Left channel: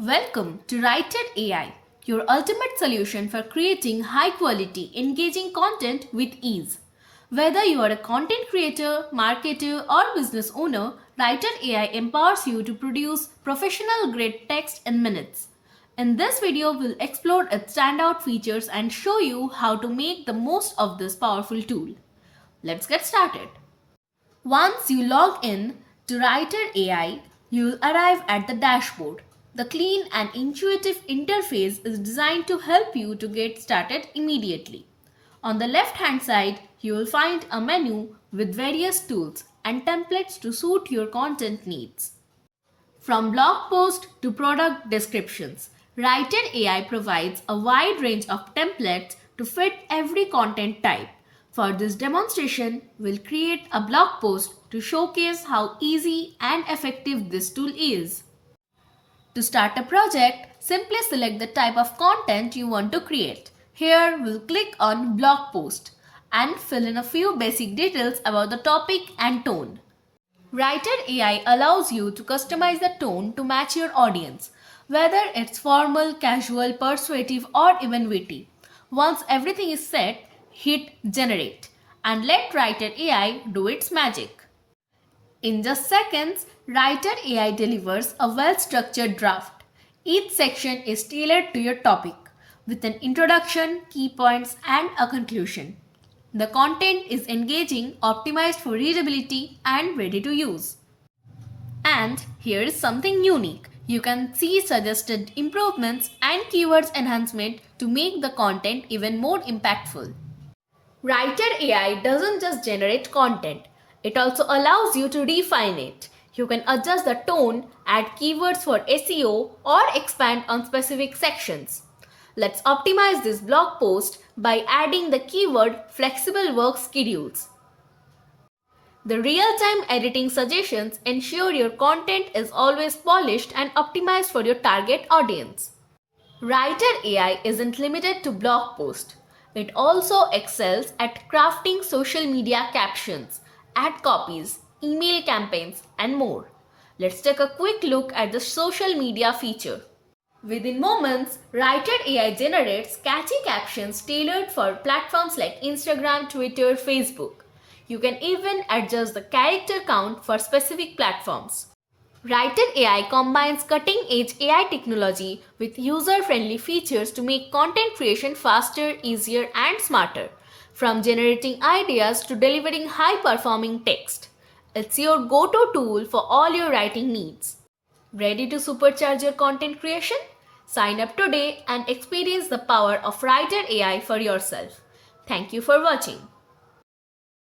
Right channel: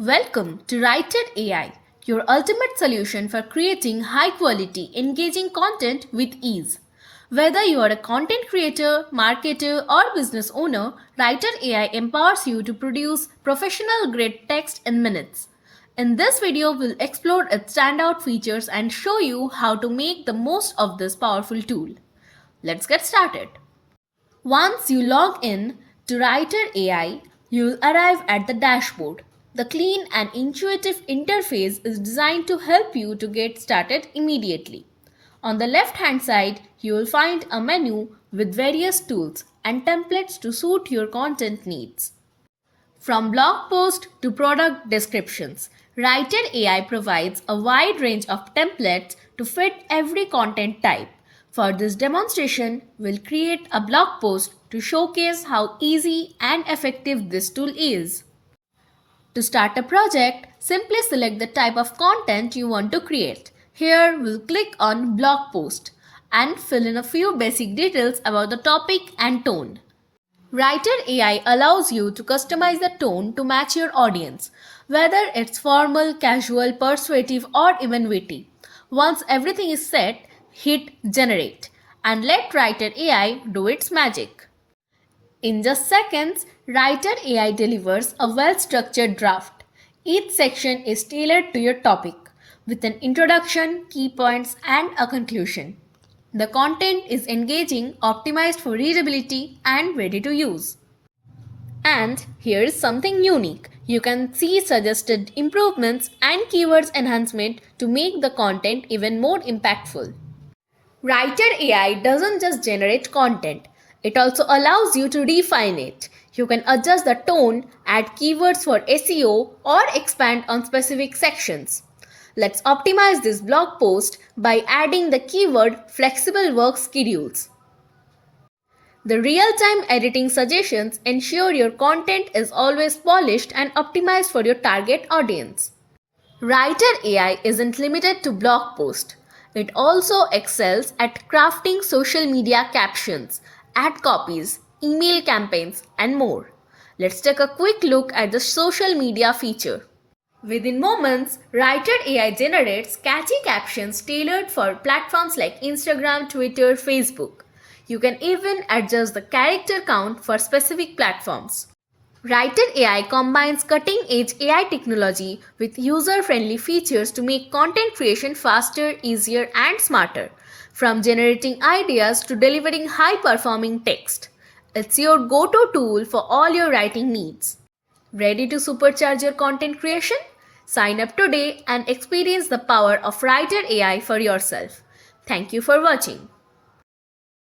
Welcome to Writer AI, your ultimate solution for creating high quality, engaging content with ease. Whether you are a content creator, marketer, or business owner, Writer AI empowers you to produce professional grade text in minutes. In this video, we'll explore its standout features and show you how to make the most of this powerful tool. Let's get started. Once you log in to Writer AI, you will arrive at the dashboard. The clean and intuitive interface is designed to help you to get started immediately. On the left-hand side, you will find a menu with various tools and templates to suit your content needs. From blog posts to product descriptions, Writer AI provides a wide range of templates to fit every content type. For this demonstration, we'll create a blog post to showcase how easy and effective this tool is. To start a project, simply select the type of content you want to create. Here, we'll click on blog post and fill in a few basic details about the topic and tone. Writer AI allows you to customize the tone to match your audience, whether it's formal, casual, persuasive, or even witty. Once everything is set, hit generate and let Writer AI do its magic. In just seconds, Writer AI delivers a well-structured draft. Each section is tailored to your topic, with an introduction, key points, and a conclusion. The content is engaging, optimized for readability, and ready to use. And here is something unique. You can see suggested improvements and keywords enhancement to make the content even more impactful. Writer AI doesn't just generate content, it also allows you to refine it. You can adjust the tone, add keywords for SEO, or expand on specific sections. Let's optimize this blog post by adding the keyword flexible work schedules. The real-time editing suggestions ensure your content is always polished and optimized for your target audience. Writer AI isn't limited to blog posts. It also excels at crafting social media captions, ad copies, email campaigns, and more. Let's take a quick look at the social media feature. Within moments, Writer AI generates catchy captions tailored for platforms like Instagram, Twitter, Facebook. You can even adjust the character count for specific platforms. Writer AI combines cutting-edge AI technology with user-friendly features to make content creation faster, easier, and smarter. From generating ideas to delivering high-performing text, it's your go-to tool for all your writing needs. Ready to supercharge your content creation? Sign up today and experience the power of Writer AI for yourself. Thank you for watching.